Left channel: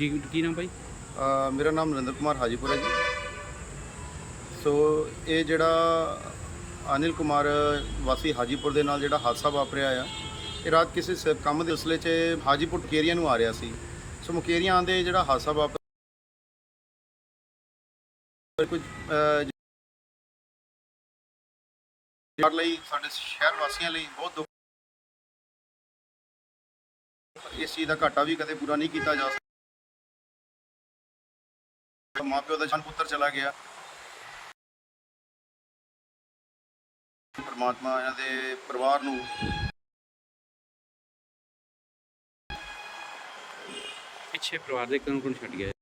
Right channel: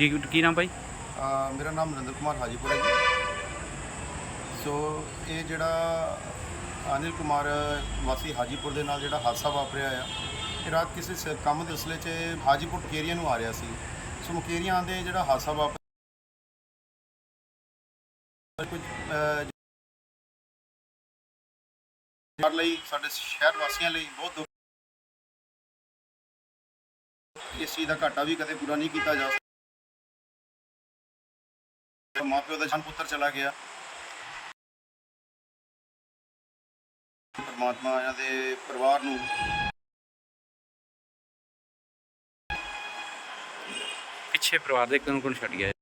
ਕੀ ਕੀ ਨਾਮ ਭਾਈ? ਅ, ਮੇਰਾ ਨਾਮ ਨਰਿੰਦਰ ਕੁਮਾਰ ਹਾਜੀਪੁਰ ਹੈ ਜੀ। ਸੋ ਇਹ ਜਿਹੜਾ ਅਨਿਲ ਕੁਮਾਰ ਵਾਸੀ ਹਾਜੀਪੁਰ ਦੇ ਨਾਲ ਜਿਹੜਾ ਹਾਦਸਾ ਵਾਪਰਿਆ ਆ ਇਹ ਰਾਤ ਕਿਸੇ ਸ- ਕੰਮ ਦੇ ਸਿਲਸਿਲੇ 'ਚ ਹਾਜੀਪੁਰ ਮੁਕੇਰੀਆਂ ਨੂੰ ਆ ਰਿਹਾ ਸੀ। ਸੋ ਮੁਕੇਰੀਆਂ ਆਉਂਦੇ ਜਿਹੜਾ ਹਾਦਸਾ ਵਾਪਰਿਆ ਕੁਝ ਅ, ਲਈ ਸਾਡੇ ਸ਼ਹਿਰ ਵਾਸੀਆਂ ਲਈ ਬਹੁਤ ਦੁੱਖ ਇਸ ਚੀਜ਼ ਦਾ ਘਾਟਾ ਵੀ ਕਦੇ ਪੂਰਾ ਨਹੀਂ ਕੀਤਾ ਜਾ ਸਕਦਾ। ਮਾਪਿਓ ਦਾ ਜਨ ਪੁੱਤਰ ਚਲਾ ਗਿਆ। ਪਰਮਾਤਮਾ ਇਹਨਾਂ ਦੇ ਪਰਿਵਾਰ ਨੂੰ ਪਿੱਛੇ ਪਰਿਵਾਰ ਦੇ ਕੌਣ ਕੌਣ ਛੱਡ ਗਿਆ। ਹੈ?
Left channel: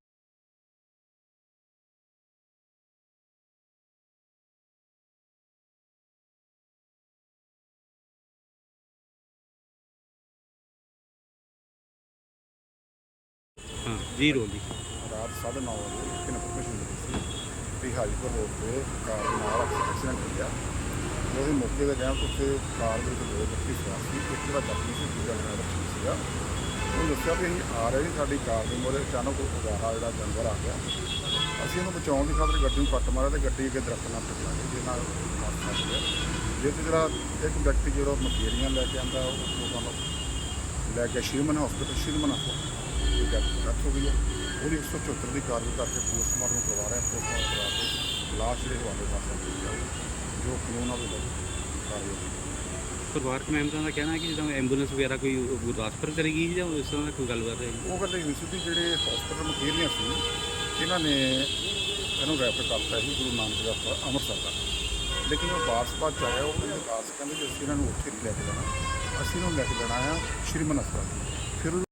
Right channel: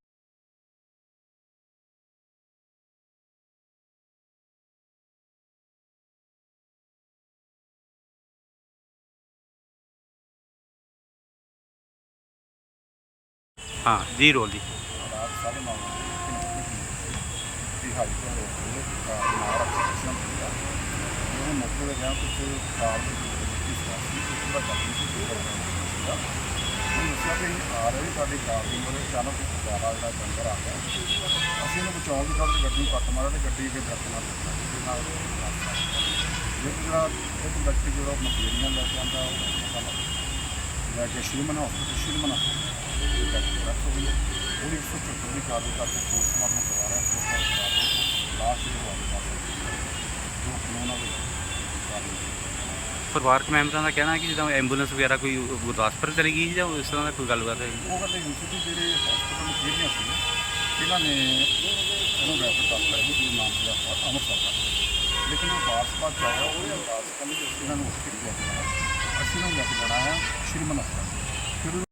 ਜੀ। ਰੋਲ ਰਾਤ ਸਾਢੇ ਨੌ ਵਜੇ। ਸੀ ਕਿ ਹਾਜੀਪੁਰ ਕਾਰ ਦੇ ਨਾਲ ਐਕਸੀਡੈਂਟ ਹੋ ਗਿਆ ਉਹਦੇ ਮੌਕੇ ਤੇ ਗਿਆ, ਉੱਥੇ ਕਾਰ ਵਿੱਚ ਦੋ ਬੱਤੀ ਸੀ ਇੱਕ ਜਿਹੜਾ ਜ਼ਖਮੀ ਸੀ ਜਿਹੜਾ ਜ਼ਖਮੀ ਸੀਗਾ ਉਹਨੂੰ ਦੱਸਿਆ ਵੀ ਅਸੀਂ ਆ ਰਹੇ ਸੀ ਸਾਡੀ ਕਾਰ ਦੇ ਮੋਰੇ ਅਚਾਨਕ ਉਹ ਫੁਗਾਰਾ ਜਿਹੜਾ ਜਾਨਵਰ ਆ ਗਿਆ। ਅਸੀਂ ਉਹਨੂੰ ਬਚਾਉਣ ਦੀ ਖਾਤਰ ਗੱਡੀ ਨੂੰ ਕੱਟ ਮਾਰਿਆ ਤੇ ਗੱਡੀ ਅੱਗੇ ਦਰਖਤ ਨਾਲ ਟਕਰਾ ਗਈ, ਜਿਹਦੇ ਨਾਲ ਹਾਦਸਾ ਹੋ ਗਿਆ। ਜਿਹੜਾ ਇੱਕ ਵਿਅਕਤੀ ਜਿਹੜਾ ਮਕੇਰੀਆਂ ਲੈ ਕੇ ਆਂਦਾ, ਉਹ ਲੋਕਾਂ ਲੈ ਕੇ Shriman hospital Shriman hospital death ਹੋ ਗਈ ਹੈ। ਉਹਦੀ 174 ਦੀ ਕਾਰਵਾਈ ਕਰਕੇ ਪੋਸਟਮਾਰਟਮ ਕਰਵਾ ਰਹੇ ਹਾਂ ਪੋਸਟਮਾਰਟਮ ਕਰਾ ਕੇ ਲਾਸ਼ ਦੇ ਹਵਾਲੇ ਵਾਸਤੇ ਕੀਤੀ ਜਾਊਗੀ। ਜੋ ਕਾਨੂੰਨ ਆ ਉਹ ਕਾਰਵਾਈ ਪਰਿਵਾਰਕ ਮੈਂਬਰਾਂ ਦਾ ਕਹਿਣਾ ਹੈ ਕਿ ਜਦੋਂ ਐਂਬੂਲੈਂਸ ਵਗੈਰਾ ਕੋਈ ਗੁਰਦਾਸਪੁਰ ਚਲੀ ਗਈ ਜਾਂ ਇਸ ਤਰ੍ਹਾਂ ਦਾ ਕੋਈ ਗੱਲਬਾਤ ਹੈ? ਉਹ ਕਹਿੰਦੇ ਵੀ ਜਿਹੜੇ ਹਸਪੀਟਲ ਨੂੰ ਫੇਰੀਆਂ ਸੀ, ਇਹਨਾਂ ਨੇ ਇਹਨੂੰ ਰੈਫਰ ਕਰਤਾ ਸੀ ਗੁਰੂ ਨਾਨਕ ਦੇਵ ਹਸਪਤਾਲ ਅੰਮ੍ਰਿਤਸਰ ਦਾ। ਲੇਕਿਨ ਉਹ ਵਾਰਸ ਬਾਅਦ ਚ ਆਇਆ, ਉਹ ਕਹਿੰਦੇ ਕਹਿੰਦੇ ਕਿ ਅਸੀਂ ਇਹਨਾਂ ਨੂੰ ਉੱਥੇ ਲੈ ਕੇ ਜਾਣਾ। ਅਸੀਂ ਇਹਨਾਂ ਨੂੰ ਲੈ ਕੇ ਜਾਣਾ ਹੈ ਸ਼੍ਰੀਮਨ ਹਸਪਤਾਲ। ਫਿਰ ਉਹ